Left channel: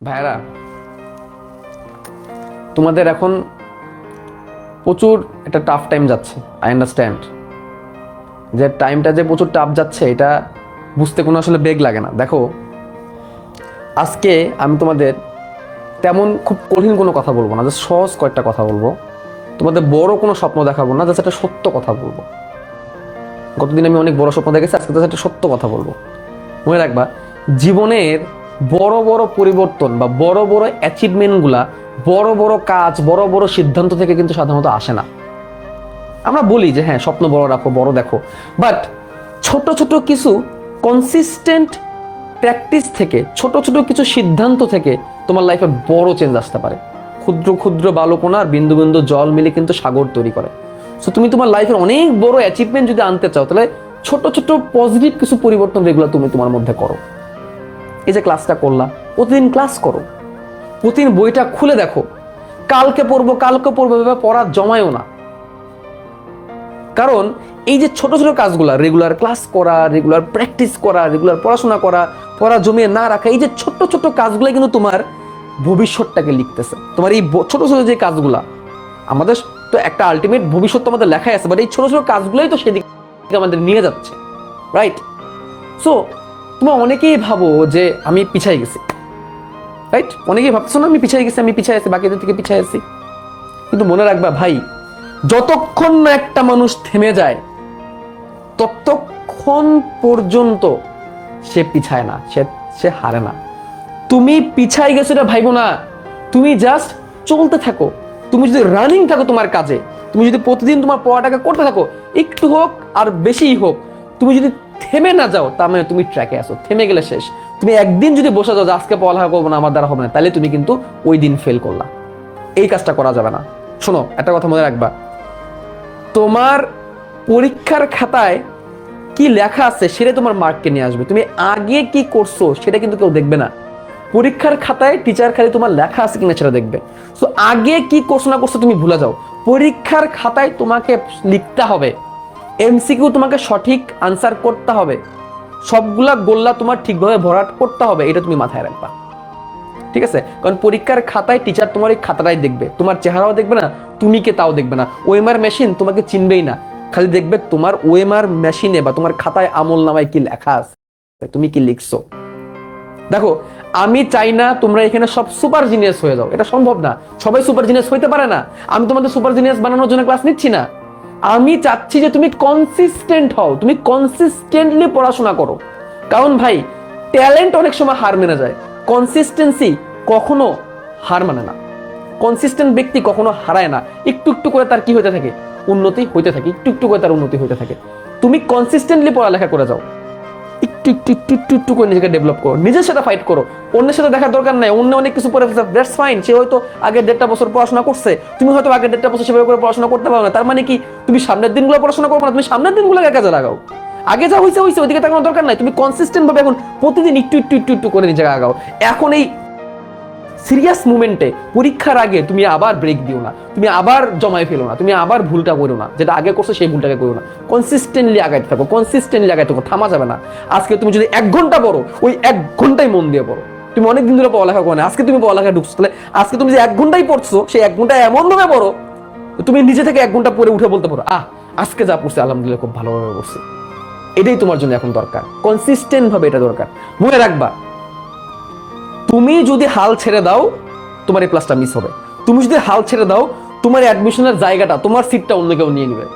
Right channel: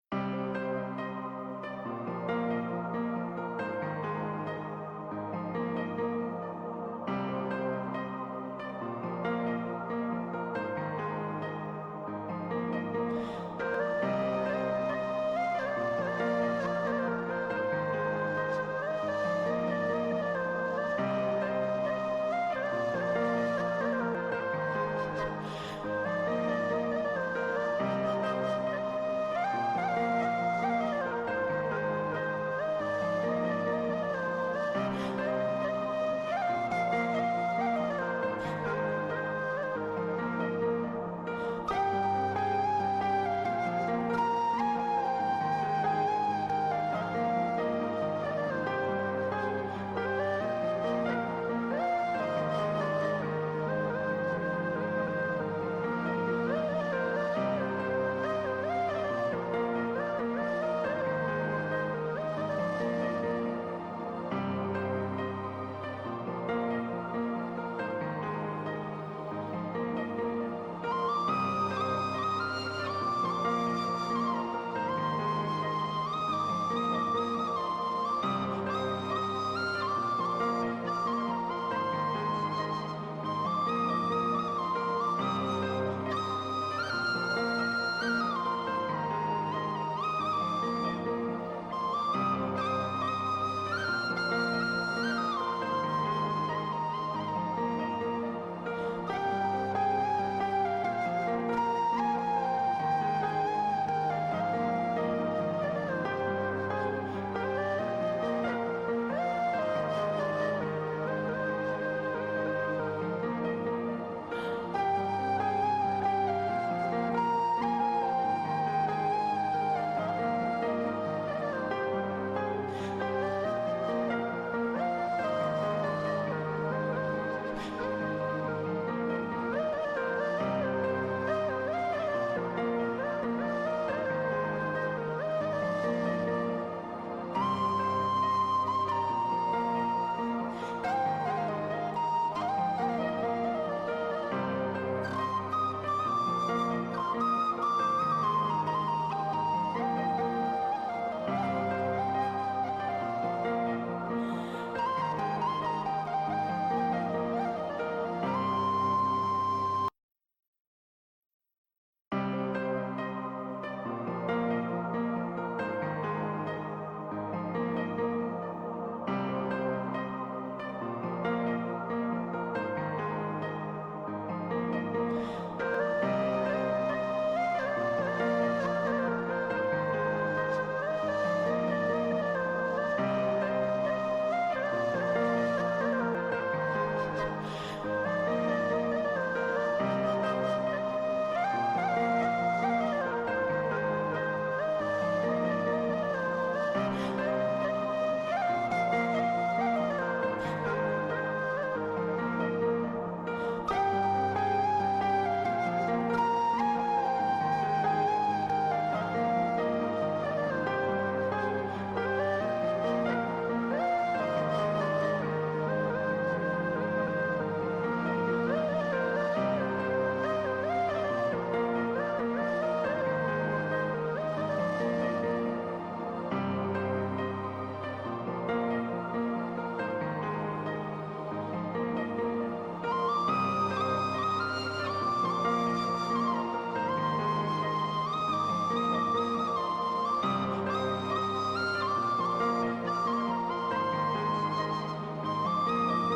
ভাইরা, তোমাদের এখন প্রচুর একটা টাফ টাইম যাচ্ছে। আই আন্ডারস্ট্যান্ড যে টাইমটা যে প্রচুর টাফ যাচ্ছে, এটা বুঝতে কোনো আসলে বেগ লাগে না। দেখো, আজকে আমি তোমাদের তেমন খুব কঠিন কোনো কথা বলবো না, জাস্ট সহজ কয়েকটা কথা বলবো। তোমাদের বড় কোনো স্বপ্ন দেখাবো না, জাস্ট একটা সত্য কথা বলবো। গতদিন আমি অনেক বড় স্বপ্ন দেখেছি, আজকে জাস্ট একটা সত্য কথা বলবো। মনে রাখবা, জীবনের বড় বড় পরিবর্তন বা বড় বড় অ্যাচিভমেন্টগুলা, বড় বড় কাজ, বড় বড় সিদ্ধান্ত থেকে কিন্তু সাধারণত আসে না। আমরা বলি যে হ্যাঁ, স্বপ্ন বড় রাখো, বড় দেখো, বাট ছোট ছোট কিছু কনসিস্টেন্ট প্র্যাকটিস থেকে, ছোট ছোট কিছু সিদ্ধান্ত থেকে তোমার লাইফে বড় চেঞ্জ আসতে পারে। ক্ষুদ্র ক্ষুদ্র বালুকণার বিন্দু বিন্দু জল মিলে কিন্তু সাগর তৈরি করে। সো তুমি তোমার লাইফের অনেক বড় অ্যাচিভমেন্ট যদি আনতে চাও, তাহলে ছোট ছোট পজিটিভ কিছু পরিবর্তন যেগুলো তুমি তোমার মধ্যে করো। এই যে ক্লাসটা করলা, প্রতিদিন ক্লাস করো, প্রতিদিন বইটা খুলে দেখো। কালকে পড়বো ভেবে পড়া জমায়ও না। কারণ এই যে ছোট ছোট কাজগুলা, রেগুলার ক্লাস করা, রেগুলার প্র্যাকটিস করা, রেগুলার পড়াশোনা করা, পড়া জমিয়ে না রাখা, এই যে ছোট ছোট কাজগুলো কিন্তু তোমার ভবিষ্যৎটাকে লিখতেছে। তোমার এই ছোট ছোট যে কাজগুলা, আমাদের তো একটা আলটিমেট ভবিষ্যৎ তো আমাদের লেখাই আছে, বাট এই ছোট ছোট কাজগুলোই তো সেদিকে আমাদের নিয়ে যাচ্ছে, রাইট? সো তোমরা অনেকেই ভাবো যে আমি পিছাই গেছি, রাইট? অনেকেই ভাবছো না আমি পিছাই গেছি, আমি পিছাই আছি, বাকিদের থেকে পিছাই আছি। কিন্তু মনে রাখবা ভাই, যতক্ষণ না একটা মানুষ থেমে যায়, ততক্ষণ পর্যন্ত সে পিছায় না, সে হারে না। তুমি পিছাই গেছো এটা ভাইবো না, তুমি জাস্ট চলতে থাকো। তুমি যদি রানিং থাকো তোমার কাজে, তুমি যদি প্রতিদিন তোমার পড়াটাকে করতে থাকো, একটু হোক আর বেশিই হোক, তুমি যদি থেমে না যাও, তার মানে তুমি ট্র্যাকে আসো। থেমে গেলে শেষ। তুমি একদিন যদি বসে যাও যে আজকে পড়ালেখা করবো না, আমার দ্বারা হবে না, তাহলে তুমি কিন্তু ওই দিন ফেল করলা। এই কাজটা করা যাবে না। শোনো, একটা কথা মনে রাখবা, তোমার পরীক্ষার খাতায় কি লেখা আছে সেটা তোমার মার্ককে নিয়ে আসবে। তুমি আগে কি করছো সেটা কিন্তু কেউ দেখবে না। পরীক্ষার খাতায় টিচার খালি তোমার লেখা আছে কিনা সেটা দেখবে। সো আগে কি করছো না করছো তুমি ভুলে যাও। পরীক্ষার খাতায় তোমাকে লিখতে হবে, এমসিকিউ তোমাকে সঠিক আনসার করতে হবে, সবগুলা গোল্লা তোমার ঠিকভাবে ভরাট করতে হবে। এটা তুমি মাথায় রাখবা, ঠিক আছে? কারণ পরীক্ষার খাতায় টিচার তোমার এই খাতাটাই দেখবে, তোমার চেহারাও দেখবে না, তুমি কে তাও দেখবে না। ওএমআর মেশিন তোমাকে চিনবেই না, খালি দেখবে তোমার ওএমআর মেশিনে বা তোমার খাতায় আমল নামায় কি লেখা আছে, তুমি কি লিখছো। দেখো, আমি চাই না তোমরা এখানে সব সুপার জিনিয়াস হয়ে যাও, এটা সম্ভব না। সবাই সুপার জিনিয়াস হইতে পারে না। আমি তোমাদের সুপার জিনিয়াস বানানোর জন্য ক্লাস নিচ্ছি না। আমি চাচ্ছি যে তুমি কনসিস্টেন্ট হও, তুমি কনসিস্টেন্টলি পড়াশোনা করো। কারণ ভাই, ট্যালেন্ট অনেক সময় হার মেনে যায়, কনসিস্টেন্সি কখনো হার মানে না। কনসিস্টেন্ট ব্যক্তি কখনো হারায় না। একটু একটু করে তার কি হতে থাকে, উন্নতি হইতে থাকে, একটু একটু করে তার উন্নতি হইতে থাকে। তুমি কনসিস্টেন্টলি পড়ালেখা করে যাও, একটু একটু একটু একটু একটু করে নিজেকে ডেভেলপ করো, নিজের সাথে ফাইট করো। অন্যের সাথে দেখার দরকার নাই। অন্য অনেক কিছু করে ফেলছে, দ্যাটস ফাইন। সে হয়তো আগের 1.5 বছর পড়াশোনা করছে, তুমি হয়তো আগের 1.5 বছর সেভাবে করে পড়াশোনা করতে পারো না। তার মানে কি তুমি সামনের দিনগুলো পড়াশোনা করবো না? তুমি সামনের দিনগুলোকে কাজে লাগাও। আগে যা হয়েছে হয়েছে, ওইদিকে তাকানোর দরকার নাই। তুমি কনসিস্টেন্ট ভাবে এখন প্রতিদিন একটু একটু একটু একটু করে নিজেকে আগাও। এখন এই সিরিয়াস মুভমেন্টে, পরীক্ষার আগে তুমি আবার ব্রেক দিও না, তুমি আবার জমায় ফেলো না, তুমি আবার ভুলটা করো না, যেটা আগে করছো সেই ভুলটাকে করো না। কনসিস্টেন্টলি আগাইতে থাকো, কনসিস্টেন্টলি আগাইতে থাকো, থামা যাবে না। আজকে তুমি যদি 1 ঘন্টা পড়ো, ওই 1 ঘন্টাই মন দিয়ে পড়ো। তুমি অনেক দিন ধরে পড়ালেখা করো না, আজকে তুমি পড়ালেখা ঢুকছো, তাহলে আজকে তুমি যে 1 ঘন্টাই পড়ছো, সেই 1 ঘন্টা এমন ভাবে পড়ো তুমি নিজে থেকে 1 ঘন্টা পরে উঠে বলতে পারো, আজকে যা পড়ছি আলহামদুলিল্লাহ খুব ভালোভাবে পড়ছি। এটাই তোমার জন্য এখন দরকার, কনসিস্টেন্ট ভাবে এটা দরকার। মনে রাখবা, তুমি যদি হাল ছেড়ে দাও, তোমার এই ক্লাসটা মিস হবে। তুমি যদি হাল ছেড়ে দাও, তোমার অ্যাডমিশনের জায়গাটা, তোমার সিটটা অন্য কেউ নিয়ে নেবে।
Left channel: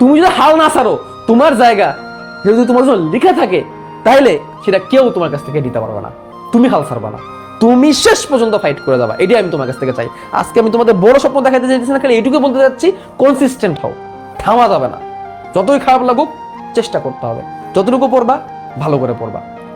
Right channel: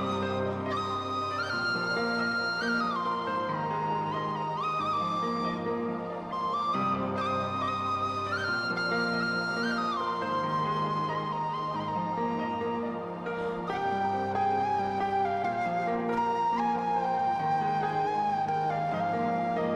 তুমি যদি হাল না ছাড়ো, তোমার জায়গা যদি তোমার জন্য লিখে থাকে, তাহলে সেটা কেউ তোমার কাছ থেকে দিতে পারবে না। তুমি হাল ছাড়বা না, তুমি শেষ পর্যন্ত ফাইট করে যাবা। এটাই আমি তোমার কাছ থেকে চাই। আজকে আমি তোমাদের বড় স্বপ্ন দেখাতে চাইতেছি না, খালি এইটুকু বলতে যাচ্ছি, কনসিস্টেন্ট হও, থামা যাবে না। যতই খারাপ লাগুক চেষ্টা করতে হবে, যতটুকু পড়বা ভালো করে পড়বা।